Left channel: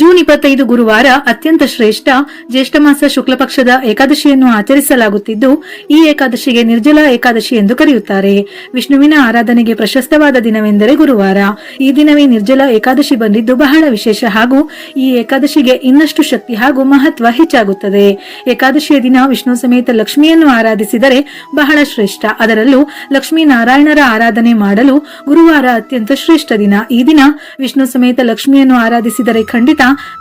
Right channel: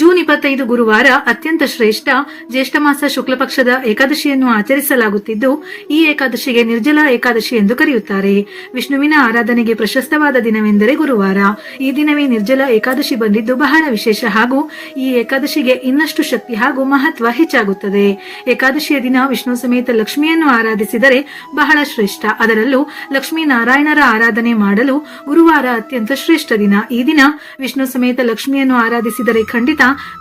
June 25 ಗುರುವಾರ ಅತ್ಯಂತ ಶ್ರೇಷ್ಠ ಜ್ಯೇಷ್ಠ ಮಾಸ ಶುಕ್ಲ ಪಕ್ಷದ ಏಕಾದಶಿಯನ್ನು ಆಚರಿಸಲಾಗುತ್ತಿದ್ದು, ಈ ಏಕಾದಶಿಗೆ ನಿರ್ಜಲ ಏಕಾದಶಿ ಎಂದು ಕರೆಯುತ್ತಾರೆ. ವಿಷ್ಣುವಿನ ಆರಾಧನೆಗೆ ಪ್ರಶಸ್ತವಾದ ದಿನವೆಂದರೆ ಗುರುವಾರ. ಈ ದಿನವೇ ನಿರ್ಜಲ ಏಕಾದಶಿ ಬಂದಿದ್ದು ಬಹಳ ವಿಶೇಷ ಹಾಗೂ ಈ ಏಕಾದಶಿಗೆ ಇನ್ನಷ್ಟು ಶಕ್ತಿ ಹಾಗೂ ಮಹತ್ವ ಹೆಚ್ಚಾಗುತ್ತದೆ. ಏಕಾದಶಿಯ ದಿನ ವಿಷ್ಣು ಸಮೇತ ಲಕ್ಷ್ಮಿಯನ್ನು ಆರಾಧಿಸಿದರೆ ಬಹಳ ಶ್ರೇಷ್ಠ. ಅದರಲ್ಲೂ ಲಕ್ಷ್ಮೀನಾರಾಯಣರ ಆರಾಧನೆ ಮಾಡಲು ಗುರುವಾರ ಅತ್ಯಂತ ಶ್ರೇಷ್ಠ ದಿನ. ಈ ದಿನ ವಿಷ್ಣು ಸಮೇತ ಲಕ್ಷ್ಮಿಯನ್ನು ಆರಾಧಿಸಿದರೆ ಖಂಡಿತ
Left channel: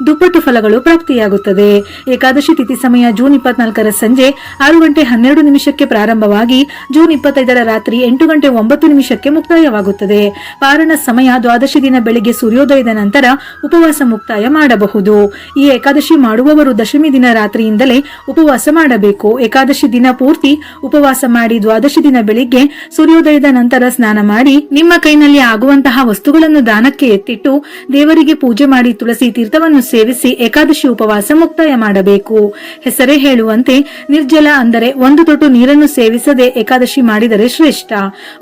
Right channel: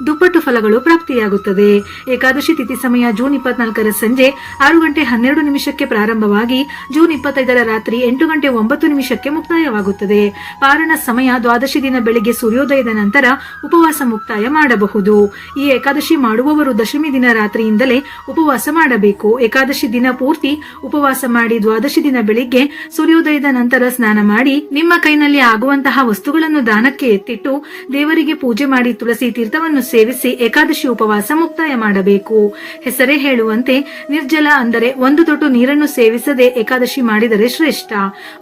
ದುಪ್ಪಟ್ಟು ಫಲಗಳು ಪ್ರಾಪ್ತಿಯಾಗುತ್ತದೆ. ಏಕಾದಶಿ ತಿಥಿ ಸಮಯ ಜೂನ್ 24ರ ಸಂಜೆ 6:12 ಪ್ರಾರಂಭವಾಗಿ ಜೂನ್ 25ರ ರಾತ್ರಿ 8:09 ಮುಕ್ತಾಯವಾಗುತ್ತದೆ. ಪಾರಣ ಸಮಯ ದ್ವಾದಶಿ ದಿನ ಬೆಳಿಗ್ಗೆ ಸೂರ್ಯೋದಯದ ನಂತರ ಉಪವಾಸ ಮುಕ್ತಾಯ ಮಾಡಬಹುದು. ಈ ಏಕಾದಶಿ ಮಾಡುವವರು ದಶಮಿ ದಿನ ರಾತ್ರಿಯಿಂದಲೇ ಉಪವಾಸ ಮಾಡಬೇಕು. ಏಕಾದಶಿ ದಿನ ಪೂರ್ತಿ ಉಪವಾಸ ಮಾಡಿ ದ್ವಾದಶಿ ದಿನ ಬೆಳಿಗ್ಗೆ ಸೂರ್ಯೋದಯದ ನಂತರ ಸ್ನಾನ ಮಾಡಿ ನಿಮ್ಮ ಕೈನಲ್ಲಿ ಆಗುವಂತಹ ವಸ್ತುಗಳನ್ನು ದಾನಕ್ಕೆ ಎತ್ತಿಟ್ಟು ದೇವರಿಗೆ ಪೂಜೆ ಮಾಡಿ ತುಳಸಿ ತೀರ್ಥವನ್ನು ಸೇವಿಸಿ ಏಕಾದಶಿ ಉಪವಾಸ ಮುಕ್ತಾಯ ಮಾಡಬೇಕು. ಹೆಸರೇ ಹೇಳುವಂತೆ ನಿರ್ಜಲ ಅಂದರೆ ಒಂದು ತೊಟ್ಟು ನೀರನ್ನು ಸೇವಿಸದೆ ಏಕಾದಶಿ ಮಾಡಿದರೆ ಶ್ರೇಷ್ಠ.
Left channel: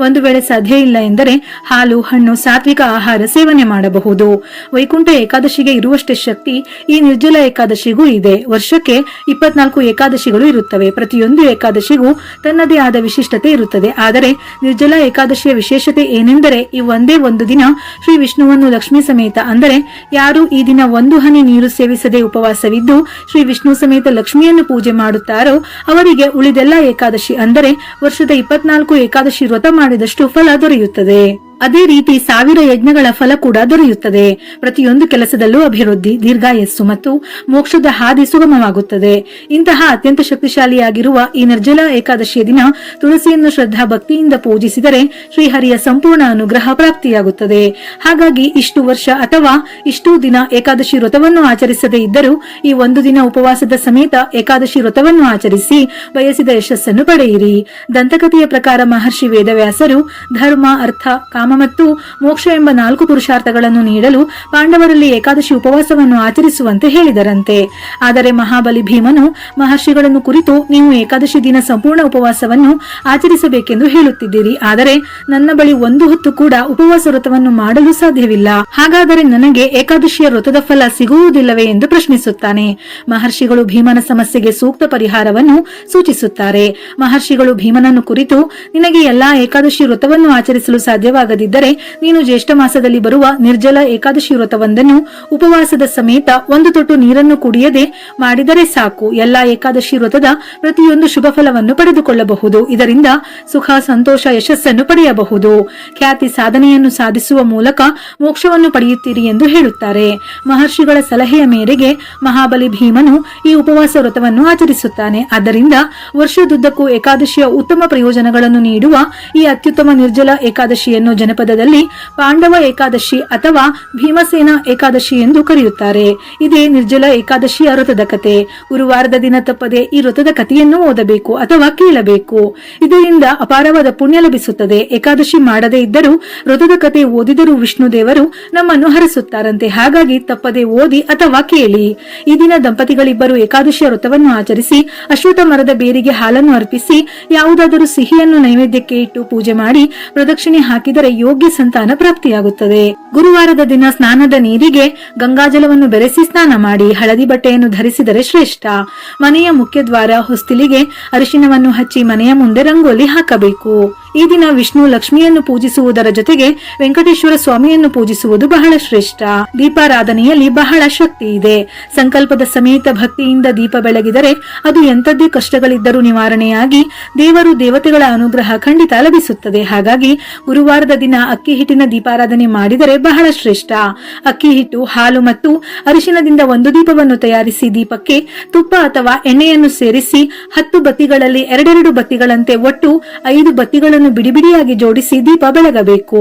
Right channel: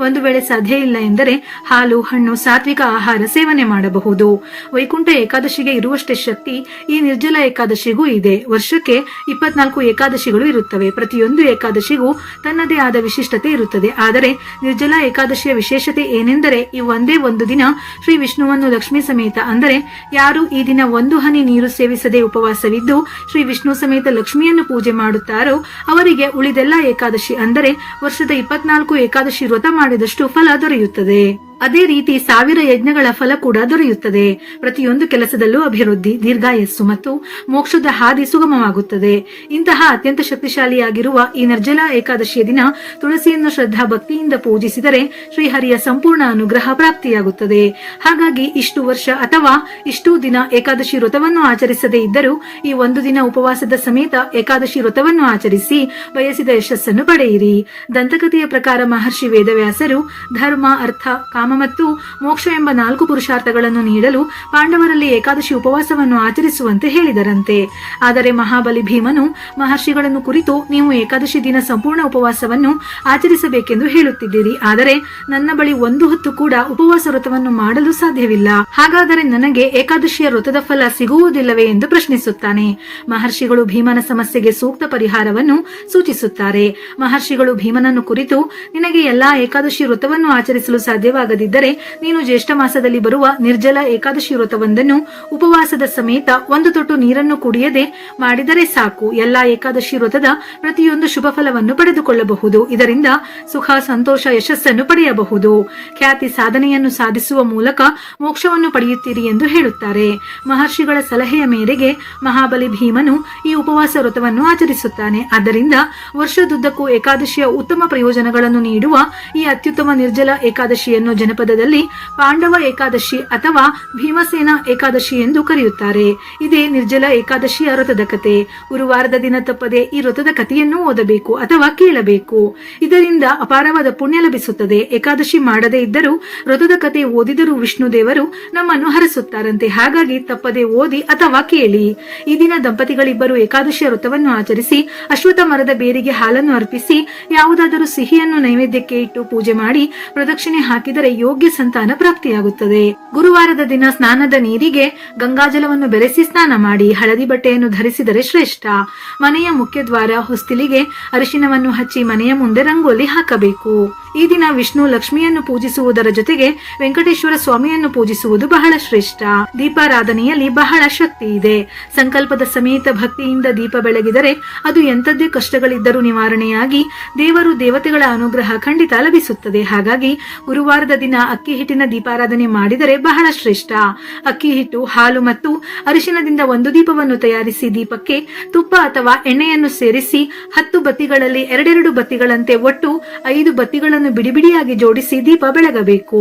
ಒಂದು ವೇಳೆ ಸಾಧ್ಯ ಇಲ್ಲ ಎಂದರೆ ಹಾಲು, ಹಣ್ಣು, ಸಾತ್ವಿಕ ಆಹಾರ ಸೇವನೆ ಮಾಡಬಹುದು. ವೈಕುಂಠ ಏಕಾದಶಿಗೆ ಇರುವಷ್ಟೇ ಶಕ್ತಿ ಈ ನಿರ್ಜಲ ಏಕಾದಶಿಗೂ ಇದೆ. ವರ್ಷಕ್ಕೆ 24 ಏಕಾದಶಿಗಳು ಇರುತ್ತವೆ. ಪ್ರತಿಯೊಂದು ಏಕಾದಶಿಗೂ ತನ್ನದೇ ಆದ ವಿಶಿಷ್ಟತೆ ಇರುತ್ತದೆ. ಆದರೆ ನಿರ್ಜಲ ಏಕಾದಶಿಯ ವಿಶೇಷತೆ ಏನೆಂದರೆ ಈ ಒಂದೇ ಒಂದು ದಿನ ಶ್ರೀ ವಿಷ್ಣುವನ್ನು ಲಕ್ಷ್ಮೀ ಸಮೇತ ಅಂದರೆ ಯಾರು ಈ ದಿನ ಒಂದು ಹನಿ ನೀರು ಸೇವಿಸದೆ ಉಪವಾಸವಿದ್ದು ಶ್ರೀ ವಿಷ್ಣು ಸಮೇತ ಲಕ್ಷ್ಮಿಯನ್ನು ಪೂಜೆ ಮಾಡುತ್ತಾರೋ ಅವರಿಗೆ ಉಳಿದೆಲ್ಲ ಏಕಾದಶಿ ಅಂದರೆ ವರ್ಷದ 24 ಏಕಾದಶಿ ವ್ರತ ಮಾಡಿದಷ್ಟು ಫಲ ದೊರೆಯುತ್ತದೆ. ಅದೇ ರೀತಿ 1000 ಯಜ್ಞಗಳ ಫಲ ಕೂಡ ದೊರೆಯುತ್ತದೆ. ಪ್ರತಿಯೊಂದು ಕೆಲಸದಲ್ಲೂ ಅಭಿವೃದ್ಧಿ, ದೀರ್ಘಾಯಸ್ಸು ಮತ್ತು ಮೋಕ್ಷದ ಹಾದಿ ಸುಗಮವಾಗುತ್ತದೆ. ಇಂತಹ ಅತ್ಯಂತ ಶಕ್ತಿಶಾಲಿಯಾಗಿರುವ ಈ ನಿರ್ಜಲ ಏಕಾದಶಿಯ ದಿನ ತುಳಸಿಯನ್ನು ಶ್ರದ್ಧಾ ಭಕ್ತಿಯಿಂದ ಪೂಜಿಸಿದರೆ ಶ್ರೀಹರಿಯ ಸಂಪೂರ್ಣ ಅನುಗ್ರಹ ಪ್ರಾಪ್ತಿಯಾಗುತ್ತದೆ. ಹಾಗಾಗಿ ಇಷ್ಟು ವರ್ಷ ಅಥವಾ ಇಷ್ಟು ದಿನ ಏಕಾದಶಿ ವ್ರತವನ್ನು ಆಚರಿಸದೇ ಇದ್ದರೂ ಈ ಒಂದು ದಿನ ಉಪವಾಸದ ಸಮೇತ ಏಕಾದಶಿ ವ್ರತವನ್ನು ಆಚರಿಸಿ ಬಯಸಿದ ಯಶಸ್ಸನ್ನು ಪಡೆಯಿರಿ. ದಂತಕಥೆಯ ಪ್ರಕಾರ ಮಹರ್ಷಿ ವೇದವ್ಯಾಸರು ಧರ್ಮ, ಅರ್ಥ, ಕಾಮ ಮತ್ತು ಮೋಕ್ಷ ಎಂಬ 4 ಪುರುಷಾರ್ಥಗಳನ್ನು ನೀಡಲು ಪಾಂಡವರಲ್ಲಿ ಏಕಾದಶಿ ಉಪವಾಸವನ್ನು ಆಚರಿಸುವಂತೆ ಹೇಳಿದರಂತೆ. ಆದರೆ ಮಹಾಬಲಿ ಭೀಮನು ಮಹರ್ಷಿಗಳನ್ನು ಕುರಿತು ನೀವು ಏಕಾದಶಿ ದಿನ ಸಂಪೂರ್ಣ ಉಪವಾಸವನ್ನು ಆಚರಿಸಬೇಕೆಂದು ಹೇಳುತ್ತಿದ್ದೀರಿ. ಆದರೆ ನನ್ನ ಬಳಿ ಒಂದು ಹೊತ್ತು ಕೂಡ ಉಪವಾಸ ವ್ರತವನ್ನು ಮಾಡಲು ಸಾಧ್ಯವಿಲ್ಲ. ಹಾಗಾದರೆ ನನಗೆ ಏಕಾದಶಿಯ ವ್ರತದ ಫಲ ಸಿಗುವುದಿಲ್ಲವೇ ಎಂದು ಪ್ರಶ್ನಿಸುತ್ತಾನೆ. ಮಹರ್ಷಿಗಳು ಭೀಮನ ಸಮಸ್ಯೆಗೆ ಸೂಕ್ತ ಪರಿಹಾರವನ್ನು ಸೂಚಿಸುತ್ತಾರೆ. ಮಹರ್ಷಿಗಳು ಭೀಮನನ್ನು ಕುರಿತು ನಿನಗೆ ಎಲ್ಲಾ ಏಕಾದಶಿ ವ್ರತವನ್ನು ಆಚರಿಸಲು ಸಾಧ್ಯವಾಗದಿದ್ದರೆ ನೀನು ಜ್ಯೇಷ್ಠ ಮಾಸದಲ್ಲಿ ಬರುವ ನಿರ್ಜಲ ಏಕಾದಶಿ ವ್ರತವೊಂದನ್ನು ಉಪವಾಸದ ಸಮೇತ ಒಂದು ತೊಟ್ಟು ನೀರನ್ನು ಕುಡಿಯದೆ ಮಾಡಿದರೆ ಸಾಕು. ಎಲ್ಲಾ ಏಕಾದಶಿ ವ್ರತದ ಪ್ರತಿಯೊಂದು ಶುಭ ಫಲವನ್ನು ಪಡೆದುಕೊಳ್ಳಬಹುದು. ಇದರಿಂದ ಸುಖ, ಸಂತೋಷ, ಯಶಸ್ಸನ್ನು ಪಡೆಯಬಹುದು. ಖ್ಯಾತಿ, ಸಾಧನೆಯನ್ನು ಸಾಧಿಸುವ ಮೂಲಕ ಮೋಕ್ಷವನ್ನು ಪಡೆಯುತ್ತೀರಿ ಎಂದು ಹೇಳುತ್ತಾರೆ. ಮಹರ್ಷಿಗಳ ಸಲಹೆಯ ಮೇರೆಗೆ ಮಹಾಬಲಿ ಭೀಮನು ಈ ಉಪವಾಸ ವ್ರತವನ್ನು ಆಚರಿಸುತ್ತಾನೆ. ಆದ್ದರಿಂದ ವರ್ಷದುದ್ದಕ್ಕೂ ಏಕಾದಶಿಯ ಉತ್ತಮ ಪ್ರಯೋಜನಗಳನ್ನು ನೀಡುವ ಈ ಅತ್ಯುತ್ತಮ ನಿರ್ಜಲ ಏಕಾದಶಿಯನ್ನು ಜನಪದದಲ್ಲಿ ಪಾಂಡವ ಏಕಾದಶಿ ಅಥವಾ ಭೀಮಸೇನ ಏಕಾದಶಿ ಎಂದು ಕರೆಯುತ್ತಾರೆ. ಇದೇ ನಿರ್ಜಲ ಏಕಾದಶಿಯ ವ್ರತದ ಕಥೆ. ಗುರುವಾರದ ದಿನ ತಪ್ಪದೆ ಈ ವ್ರತದ ಕಥೆಯನ್ನು ಓದಬೇಕು ಅಥವಾ ಕೇಳಬೇಕು. ಇದರಿಂದ ಅಪಾರವಾದ ಪುಣ್ಯ ಲಭಿಸುತ್ತದೆ. ಏಕಾದಶಿ ಮಾಡದೇ ಇದ್ದರೂ ವ್ರತದ ಕಥೆ ಓದಿದರೂ ವಿಷ್ಣು ದೇವರು ನಮ್ಮನ್ನು ಹರಿಸುತ್ತಾರಂತೆ. ಹಾಗಾಗಿ ತಪ್ಪದೆ ಓದಿ ಅಥವಾ ಕೇಳಿ. ಈ ದಿನ ದಂಪತಿಗಳಿಬ್ಬರು ಏಕಾದಶಿಯ ವ್ರತವನ್ನು ಆಚರಿಸಿ ಅಶ್ವತ್ಥ ಮರದ ಬೇರಿಗೆ ಹಾಲನ್ನು ಅರ್ಪಿಸಿ ಯಾವುದಾದರೂ ಸಿಹಿಯನ್ನು ನೈವೇದ್ಯಕ್ಕೆ ಇಟ್ಟು ಪೂಜೆ ಮಾಡಿ ಪ್ರದಕ್ಷಿಣೆ ಹಾಕಿದರೆ ಯೋಗ್ಯ ಸಂತಾನ ಪ್ರಾಪ್ತಿಯಾಗುತ್ತದೆ. ಗುರುವಾರದ ದಿನ ಸ್ನಾನದ ನೀರಿಗೆ ಗಂಗಾಜಲವನ್ನು ಬೆರೆಸಿ ಸ್ನಾನ ಮಾಡಿ ಹಳದಿ ಬಟ್ಟೆಯನ್ನು ಧರಿಸಿದರೆ ಶ್ರೇಷ್ಠ. ಮನೆಯ ಮುಖ್ಯ ದ್ವಾರ, ಹೊಸ್ತಿಲಿಗೆ ಅರಿಶಿನವನ್ನು ಹಚ್ಚಿ ಮನೆಯ ಮುಂದೆ ರಂಗೋಲಿ ಹಾಕಬೇಕು. ಈ ದಿನ ವಿಷ್ಣು ಲಕ್ಷ್ಮಿಯನ್ನು ಪೂಜಿಸುವುದರ ಜೊತೆಗೆ ವೆಂಕಟೇಶ್ವರ ಸ್ವಾಮಿಯನ್ನು ಪೂಜಿಸುವುದು ಬಹಳ ಶ್ರೇಷ್ಠ. ದೀಪಾರಾಧನೆಯಲ್ಲಿ ಬಹಳ ಶಕ್ತಿ ಇದೆ. ಸಂಕಲ್ಪದ ಸಮೇತ ಭಕ್ತಿಯಿಂದ ದೀಪ ಬೆಳಗಿದರೆ ಅದು ಎಂಥದ್ದೇ ಕಷ್ಟಗಳಿದ್ದರೂ ನಿವಾರಣೆಯಾಗಿ ದೇವರು ದೇವತೆಗಳ ಅನುಗ್ರಹ ಖಂಡಿತ ಲಭಿಸುತ್ತದೆ. ಹಾಗಾಗಿ ಗುರುವಾರದ ದಿನ ಅಕ್ಕಿ ಹಿಟ್ಟಿನ ದೀಪಾರಾಧನೆ ಮಾಡಿದರೆ ಬಹಳ ಶ್ರೇಷ್ಠ. ಅಕ್ಕಿ ಹಿಟ್ಟು, ಹಾಲು ಮತ್ತು ಅರಿಶಿನದಿಂದ ಒಂದು ದೀಪವನ್ನು ತಯಾರಿಸಿ ದೀಪಕ್ಕೆ ತುಪ್ಪ ಅಥವಾ ಎಣ್ಣೆಯನ್ನು ಸೇರಿಸಿ 10 ಬತ್ತಿಗಳಲ್ಲಿ 2 ಬತ್ತಿಗಳಂತೆ ಒಟ್ಟು 5 ಬತ್ತಿಗಳನ್ನು ಬಿಡಿಬಿಡಿಯಾಗಿ ಜೋಡಿಸಿ ದೀಪ ಬೆಳಗಬೇಕು.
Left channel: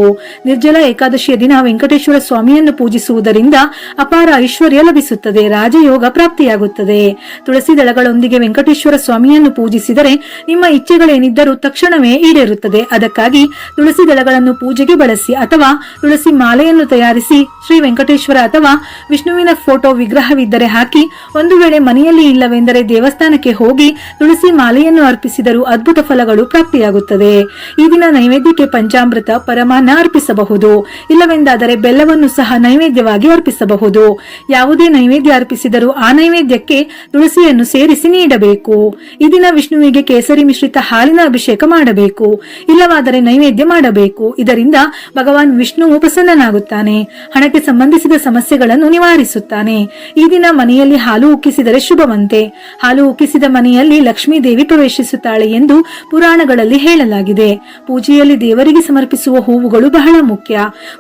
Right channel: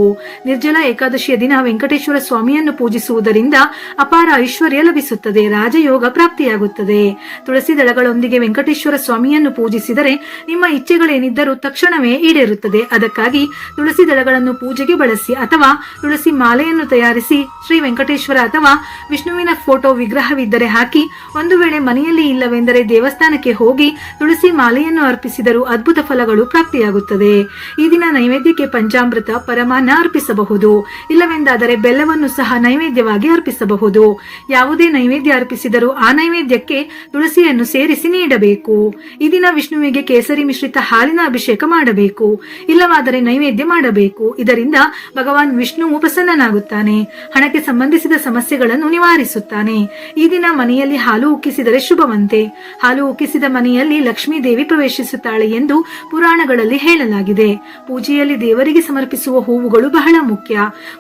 ನಿರ್ಜಲ ಏಕಾದಶಿಯ ದಿನ ವೆಂಕಟೇಶ್ವರ ಸ್ವಾಮಿಯನ್ನು ಪೂಜಿಸುವುದರಿಂದ ಅಪಾರ ಐಶ್ವರ್ಯ ಲಭಿಸುತ್ತದೆ. ರಾಜಯೋಗ ಪ್ರಾಪ್ತಿಯಾಗುತ್ತದೆ. ತುಳಸಿ ದಳಗಳೊಂದಿಗೆ ವೆಂಕಟೇಶ್ವರ ಸ್ವಾಮಿಯನ್ನು ಪೂಜಿಸಿದರೆ ನಿಮ್ಮ ಇಚ್ಛೆಗಳೇನಿದ್ದರೂ ತಕ್ಷಣವೇ ಈಡೇರುತ್ತದೆ. ಅದಕ್ಕಾಗಿ ತುಳಸಿ ದಳಗಳನ್ನು ಪೂಜೆಗೆ ಬಳಸಿ ಅಥವಾ ತುಳಸಿ ಮಾಲೆಯನ್ನು ತಯಾರಿಸಿ ಶ್ರೀ ವೆಂಕಟೇಶ್ವರ ಅಥವಾ ವಿಷ್ಣುವಿನ ಫೋಟೋ ವಿಗ್ರಹವಿದ್ದರೆ ಹಾಕಿ. ಒಂದು ವೇಳೆ ಮನೆಯಲ್ಲಿ ಇಲ್ಲವೆಂದರೆ ದೇವಸ್ಥಾನಕ್ಕೆ ಹೋಗಿ ತುಳಸಿ ಮಾಲೆಯನ್ನು ಅರ್ಪಿಸಿದರೂ ಅದ್ಭುತ ಫಲಗಳು ಪ್ರಾಪ್ತಿಯಾಗುತ್ತದೆ. ಈ ದಿನ ನೈವೇದ್ಯಕ್ಕೆ ಪಂಚಾಮೃತ, ಪರಮಾನ್ನ ಅರ್ಪಿಸಬಹುದು. ಇಲ್ಲವೆಂದಾದರೆ ಬೆಲ್ಲವನ್ನು ಸಹ ನೈವೇದ್ಯವಾಗಿ ಅರ್ಪಿಸಬಹುದು. ಯಾವುದೇ ನೈವೇದ್ಯ ಅರ್ಪಿಸಿದರೂ ಆ ನೈವೇದ್ಯಕ್ಕೆ ತುಳಸಿಯನ್ನು ಸೇರಿಸಿ ನೀಡಬೇಕು. ಈ ದಿನ ವಿಷ್ಣುವಿಗೆ ಕೇಸರಿ ಮಿಶ್ರಿತ ಹಾಲಿನ ಅಭಿಷೇಕ ಮಾಡಬೇಕು. ಇಲ್ಲವಾದರೆ ನೈವೇದ್ಯ ಮಾಡಬೇಕು. ಇದರಿಂದ ಭಗವಾನ್ ವಿಷ್ಣುವು ಪ್ರಸನ್ನನಾಗುತ್ತಾನೆ, ಹಣಕ್ಕೆ ಸಂಬಂಧಿಸಿದ ಸಮಸ್ಯೆಗಳನ್ನು ನಿವಾರಿಸುತ್ತಾನೆ. ಈ ದಿನ ಮನೆಯಲ್ಲಿ ಹಾಲು ಉಕ್ಕಿಸಿದರೆ ಶುಭವಂತೆ. ಹಾಲು ಉಕ್ಕಿಸಿದ ಮನೆಯಲ್ಲಿ ಲಕ್ಷ್ಮೀ ದೇವಿ ಪ್ರವೇಶಿಸುತ್ತಾಳೆ ಎಂದು ಪುರಾಣಗಳಲ್ಲಿ ಹೇಳಲಾಗಿದೆ. ಪೂಜೆಯಲ್ಲಿ ದೇವರಿಗೆ ಸಮರ್ಪಿಸುವ ಹೂವುಗಳು ಬಹಳ ಮುಖ್ಯ.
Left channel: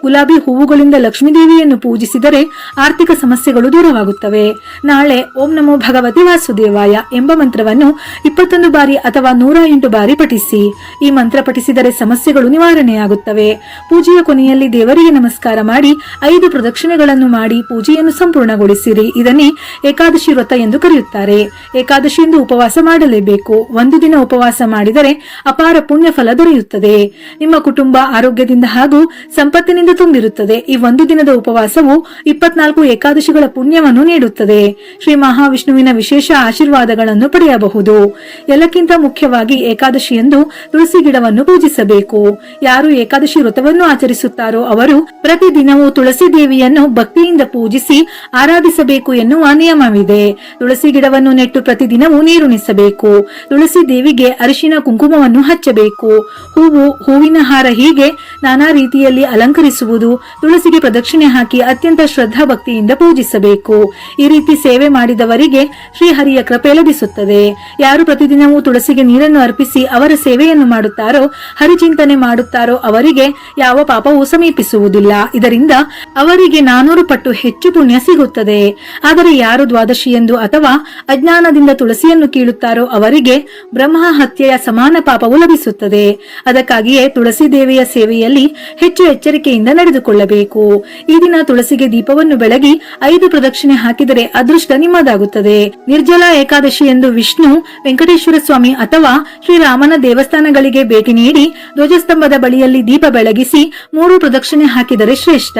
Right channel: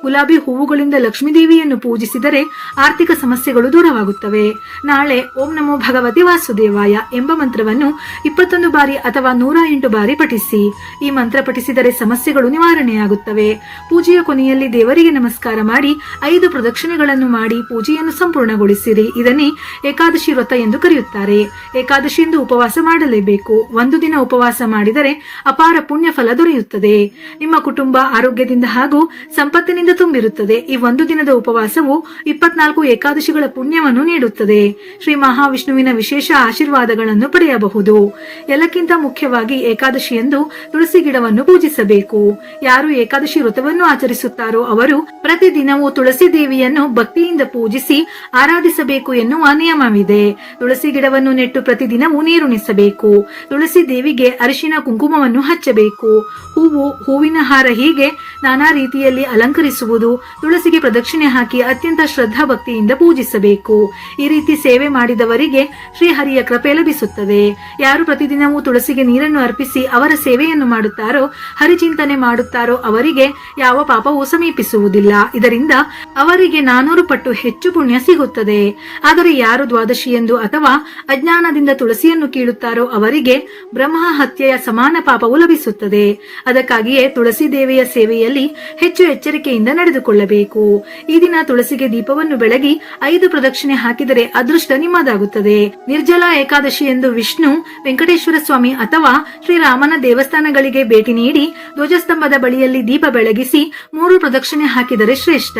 ಗುಲಾಬಿ ಹೂವುಗಳಿಂದ ಲಕ್ಷ್ಮೀ ದೇವಿಯನ್ನು ಪೂಜಿಸಿದರೆ ಆರ್ಥಿಕ ಸಮಸ್ಯೆಗಳು ದೂರವಾಗುತ್ತವೆ. ನಾಳೆ ಓಂ ನಮೋ ಭಗವತಿ ವಾಸುದೇವಾಯ ಎಂಬ ಮಂತ್ರವನ್ನು 21 ಬಾರಿ ಅಥವಾ 108 ಬಾರಿ ಪಠಿಸಿ. ಈ ಮಂತ್ರ ಪಠಿಸಿದರೆ ಸಮಸ್ಯೆಗಳು ನಿವಾರಣೆಯಾಗುತ್ತವೆ. ಪೂಜೆಯ ಕೊನೆಯಲ್ಲಿ ದೇವರಿಗೆ ನಮಸ್ಕಾರ ಮಾಡಿ 5 ಪ್ರದಕ್ಷಿಣೆಗಳನ್ನು ಮಾಡಿ ಪೂಜೆಯನ್ನು ಸಂಪೂರ್ಣಗೊಳಿಸಿರಿ. ಇದನ್ನೇ ಏಕಾದಶಿ ವ್ರತ ಎಂದು ಕರೆಯುತ್ತಾರೆ. ಏಕಾದಶಿಯಿಂದ ಉಪವಾಸ ಮಾಡಲೇಬೇಕು. ಒಂದು ದಿನ ಉಪವಾಸ ಮಾಡಿದರೆ ಅಪಾರ ಪುಣ್ಯ ಫಲ ದೊರೆಯುತ್ತದೆ. ನಿಮ್ಮ ಕುಟುಂಬ ಆರೋಗ್ಯದಿಂದ ಹಾಗೂ ಸಂಪತ್ತಿನಿಂದ ತುಂಬಿರುತ್ತದೆ. ಈ ಒಂದು ದಿನದ ಉಪವಾಸವು 24 ಏಕಾದಶಿಗಳ ಪುಣ್ಯವನ್ನು ನೀಡುತ್ತದೆ. ಶ್ರೀ ಮಹಾವಿಷ್ಣುವಿನ ವಿಶೇಷ ಆಶೀರ್ವಾದಗಳನ್ನು ಪಡೆಯಬಹುದು. ಎಲ್ಲಕ್ಕಿಂತ ಮುಖ್ಯವಾಗಿ ಏಕಾದಶಿಯಂದು ತುಳಸಿ ಗಿಡವನ್ನು ಪೂಜಿಸಬೇಕು. ಯಾರು ಏಕಾದಶಿ ವ್ರತವನ್ನು ಆಚರಿಸುತ್ತಾರೋ ಅವರು ಪ್ರತಿದಿನವೂ ತುಳಸಿ ದೇವಿಯನ್ನು ಭಕ್ತಿಯಿಂದ ಪೂಜಿಸಿ ಆರಾಧಿಸಬೇಕು ಎನ್ನುವ ನಿಯಮವಿದೆ. ತುಳಸಿ ಗಿಡವನ್ನು ನೆಟ್ಟು ಪ್ರತಿದಿನವೂ ನೀರುಣಿಸಬೇಕು. ತುಳಸಿ ದೇವಿಗೆ ಅರಿಶಿನ ಕುಂಕುಮವನ್ನು ಹಚ್ಚಬೇಕು. ಹೂವಿನ ಹಾರ ಹೀಗೆ ನಾನಾ ರೀತಿಯಲ್ಲಿ ಅಲಂಕರಿಸುವುದು, ತುಳಸಿಗೆ ಪ್ರದಕ್ಷಿಣೆ ಹಾಕಿ ಅತ್ಯಂತ ಶ್ರದ್ಧಾ ಭಕ್ತಿಯಿಂದ ಪೂಜಿಸಬೇಕು. ಈ ರೀತಿ ಸೇವೆ ಮಾಡಿದವರಿಗೆ ಶ್ರೀಹರಿಯ ಕೃಪೆ ಲಭಿಸುತ್ತದೆ. ಯಾರು ಪ್ರತಿದಿನವೂ ತುಳಸಿಗೆ ನೀರನ್ನು ಅರ್ಪಿಸಿ ಅವರ ಸೇವೆಯನ್ನು ಮಾಡುತ್ತಾರೋ, ಹರಿಚಿಂತನೆ ಮಾಡುತ್ತಾರೋ ಅವರಿಗೆ ಯಾವ ಪಾಪವೂ ಸಮೀಪಿಸುವುದಿಲ್ಲ. ಇದರಿಂದ ಅವರಿಗೆ 400 ಪಟ್ಟು ಹೆಚ್ಚು ಪುಣ್ಯ ಸಿಗುತ್ತದೆ. ಆದರೆ ಯಾರು ದ್ವಾದಶಿಯಂದು ಅಥವಾ ಅಜ್ಞಾನದಿಂದ ತುಳಸಿಯನ್ನು ಕೀಳುತ್ತಾರೋ ಅವರಿಗೆ ಬ್ರಹ್ಮ ಹತ್ಯೆಯ ಸಮಾನ ಪಾಪವು ಲಭಿಸುತ್ತದೆ. ಅದಕ್ಕಾಗಿಯೇ ತುಳಸಿ ದೇವಿಯ ಸೇವೆಯಲ್ಲಿ ಹೆಚ್ಚು ಎಚ್ಚರಿಕೆಯಿಂದ ನಡೆದುಕೊಳ್ಳಬೇಕು. ಈ ದಿನ ತುಳಸಿಗೆ ದೀಪವನ್ನು ಬೆಳಗಿ 5 ಪ್ರದಕ್ಷಿಣೆ ಹಾಕಿದರೆ ಅದೃಷ್ಟ ನಿಮ್ಮದಾಗುತ್ತದೆ. ನಿರ್ಜಲಾ ಏಕಾದಶಿ ಎಂದು ವಿಷ್ಣು, ವೆಂಕಟೇಶ್ವರ ಸ್ವಾಮಿ ಅಥವಾ ಶ್ರೀರಾಮನ ದೇವಸ್ಥಾನಗಳಿಗೆ ಭೇಟಿ ನೀಡಿ ಧ್ವಜಸ್ತಂಭದ ಬಳಿಯಲ್ಲಿ ದೀಪ ಬೆಳಗಿಸಿ 3 ಪ್ರದಕ್ಷಿಣೆ ಹಾಕಿದರೆ ಶ್ರೇಷ್ಠ.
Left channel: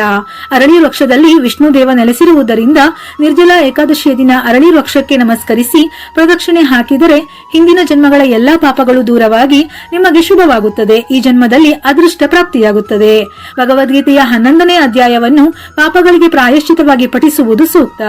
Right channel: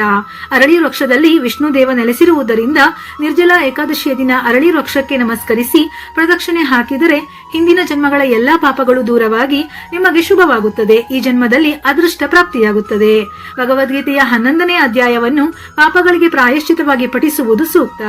ಅರಳಿ ವೃಕ್ಷದಲ್ಲಿ ವಿಷ್ಣು ದೇವ ನೆಲೆಸಿರುವುದರಿಂದ ನಿರ್ಜಲಾ ಏಕಾದಶಿಯ ದಿನ ಅರಳಿ ವೃಕ್ಷಕ್ಕೆ ನಮಸ್ಕರಿಸಿ ಪ್ರದಕ್ಷಿಣೆ ಹಾಕಿದರೆ ಹಿಂದಿನ ಜನ್ಮಗಳ ಎಲ್ಲಾ ಪಾಪಗಳು ದೂರವಾಗಿ ನಿಮಗೆ ಶುಭವಾಗುತ್ತದೆ. ಈ ಜನ್ಮದಲ್ಲಿ ಅದೃಷ್ಟ ಪ್ರಾಪ್ತಿಯಾಗುತ್ತದೆ. ಭಗವದ್ಗೀತೆಯ 11ನೇ ಅಧ್ಯಾಯವನ್ನು ಪಾಪಗಳಿಗೆ ಪ್ರಾಯಶ್ಚಿತವಾಗಿ ಪಠಿಸುವುದು ಸೂಕ್ತ.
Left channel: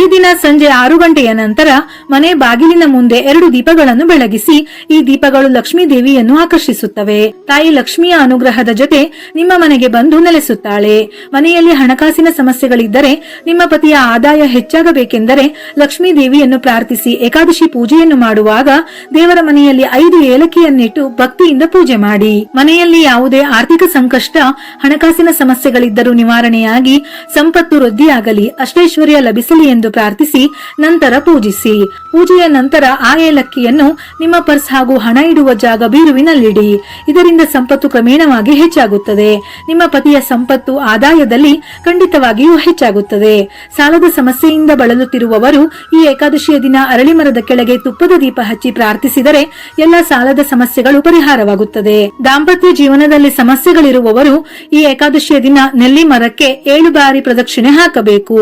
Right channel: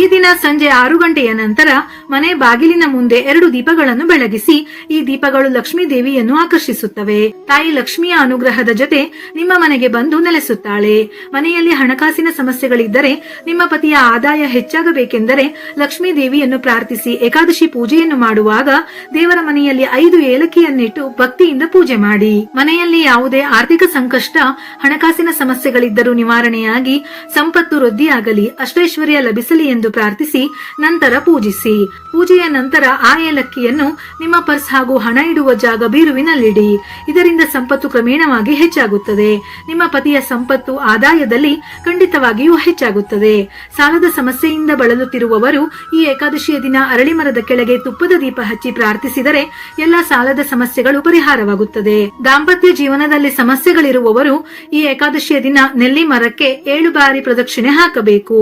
ಈ ದಿನ ಸಂಜೆ 6 ಗಂಟೆಯ ನಂತರ ಮನೆ ಬಾಗಿಲಿನ ಮುಂದೆ 2 ದೀಪಗಳನ್ನು ಬೆಳಗಿಸಿ. ಈ ದೀಪಗಳು ಲಕ್ಷ್ಮೀ ದೇವಿಯನ್ನು ಆಕರ್ಷಿಸುತ್ತವೆ. ತಾಯಿ ಲಕ್ಷ್ಮಿಯ ಅನುಗ್ರಹದ ಜೊತೆ ನಿಮ್ಮ ಮನೆಗೆ ಬಂದು ನೆಲೆಸುತ್ತಾಳೆ. ಮನೆಯಲ್ಲಿ ಹಣಕಾಸಿನ ಸಮಸ್ಯೆಗಳಿದ್ದರೆ, ನಿಮ್ಮ ಪತಿಯ ಆದಾಯ ಹೆಚ್ಚಾಗಬೇಕೆಂದರೆ ಲಕ್ಷ್ಮೀ ದೇವಿಯನ್ನು ಪ್ರಾರ್ಥಿಸಿ. ಏಕಾದಶಿ ಪೂಜೆಯನ್ನು ಮಾಡುವಾಗ ದೇವರ ಮನೆಯಲ್ಲಿ 5 ಏಲಕ್ಕಿಯನ್ನಿಟ್ಟು ಭಕ್ತಿಯಿಂದ ಪೂಜೆ ಮಾಡಿ. ಮನೆಯಲ್ಲಿ ಯಾವುದೇ ಆರ್ಥಿಕ ಸಂಕಷ್ಟ, ಹಣಕಾಸಿನ ಸಮಸ್ಯೆಗಳಿದ್ದರೂ ನಿವಾರಣೆಯಾಗಿ ಸಂಪತ್ತು ವೃದ್ಧಿಯಾಗಲಿ, ಅಷ್ಟೈಶ್ವರ್ಯ ಲಭಿಸಲಿ ಎಂದು ಪ್ರಾರ್ಥಿಸಿ ನಂತರ ಪೂಜಿಸಿ. ಪೂಜೆಯ ನಂತರ ಆ ಏಲಕ್ಕಿಯನ್ನು ನಿಮ್ಮ ಪರ್ಸ್ ಹಾಗೂ ಹಣ ಇಡುವ ಜಾಗ ಬೀರುವಿನಲ್ಲಿಡಿ. ಇದರಿಂದ ಸಂಪತ್ತು ಕ್ರಮೇಣವಾಗಿ ಹೆಚ್ಚಾಗುತ್ತದೆ. ನಿಮ್ಮ ಪತಿಯ ಸಂಪತ್ತು ಆದಾಯದಲ್ಲಿ ಖಂಡಿತವಾಗಿಯೂ ಹೆಚ್ಚಾಗುತ್ತದೆ. ಸಾಲದ ಸಮಸ್ಯೆಯಿಂದ ಬಳಲುತ್ತಿರುವವರು ಈ ಏಕಾದಶಿಯ ದಿನ ಅರಳಿ ಮರದ ಕೆಳಗೆ ತುಪ್ಪದ ದೀಪ ಹಚ್ಚಿ ಪ್ರಾರ್ಥಿಸಿದರೆ ಎಲ್ಲ ಸಾಲದ ಸಮಸ್ಯೆಗಳು ಪರಿಹಾರವಾಗುತ್ತದೆ. ದಾಂಪತ್ಯ ಜೀವನದಲ್ಲಿ ಸಮಸ್ಯೆಗಳಿರುವವರು ಈ ಏಕಾದಶಿಯ ದಿನ ನೆಲ್ಲಿ ಮರಕ್ಕೆ 7 ಬಾರಿ ಪ್ರದಕ್ಷಿಣೆ ಹಾಕಬೇಕು.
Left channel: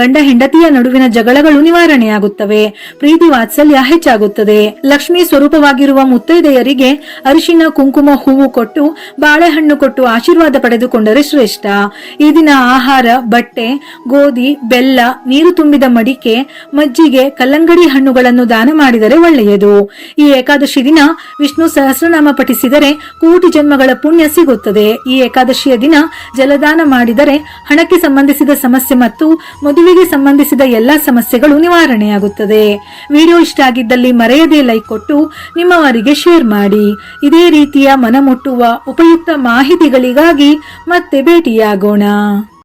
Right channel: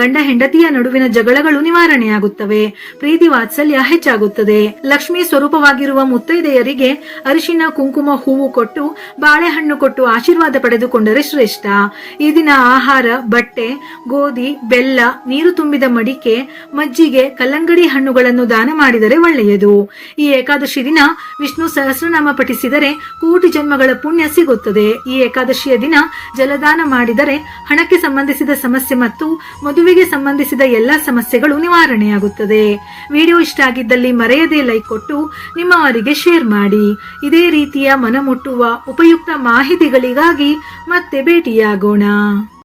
ಗಂಡ ಹೆಂಡತಿಯ ನಡುವಿನ ಜಗಳಗಳು ನಿವಾರಣೆಯಾಗುತ್ತವೆ. ಪ್ರೀತಿ ವಾತ್ಸಲ್ಯ ಹೆಚ್ಚಾಗುತ್ತದೆ. ಲಕ್ಷ್ಮೀ ಸ್ವರೂಪವಾಗಿರುವ ಮುತ್ತೈದೆಯರಿಗೆ ಅರಿಶಿನ ಕುಂಕುಮ ಹೂವು ಕೊಟ್ಟು ಬಾಳೆಹಣ್ಣು ಕೊಟ್ಟು ಆಶೀರ್ವಾದ ಪಡೆದುಕೊಂಡರೆ ಶ್ರೇಷ್ಠ. ಈ ದಿನ ಆಹಾರ, ಬಟ್ಟೆ, ಗೋಧಿ, ಬೆಲ್ಲ, ನೀರು ತುಂಬಿದ ಮಡಿಕೆ, ಮಜ್ಜಿಗೆ, ಕಲ್ಲಂಗಡಿ ಹಣ್ಣುಗಳನ್ನು ದಾನ ಮಾಡಿದರೆ ಒಳ್ಳೆಯದು. ಈ ಏಕಾದಶಿ ದಿನ ವಿಷ್ಣು ಸಹಸ್ರನಾಮ ಪಠಿಸಿದರೆ ಕೋಟಿ ಜನ್ಮಗಳ ಪುಣ್ಯ ಸಿಗುತ್ತದೆ. ಈ ಏಕಾದಶಿಯ ದಿನ ಜಲದಾನ ಮಾಡಿದರೆ ಹಣಕ್ಕೆ ಸಂಬಂಧಿಸಿದ ಸಮಸ್ಯೆ ಮತ್ತು ಮದುವೆಗೆ ಸಂಬಂಧಿಸಿದ ಎಲ್ಲಾ ಸಮಸ್ಯೆಗಳು ನಿವಾರಣೆಯಾಗುತ್ತದೆ. ವಿಡಿಯೋ ಇಷ್ಟ ಆಗಿದ್ದಲ್ಲಿ ಮರೆಯದೆ ಲೈಕ್ ಕೊಟ್ಟು ನಿಮ್ಮವರಿಗೆ ಶೇರ್ ಮಾಡಿ. ಇದೇ ರೀತಿಯ ಮನಮುಟ್ಟುವ ಉಪಯುಕ್ತ ಮಾಹಿತಿಗಳಿಗಾಗಿ ಮತ್ತೆ ಭೇಟಿಯಾಗೋಣ.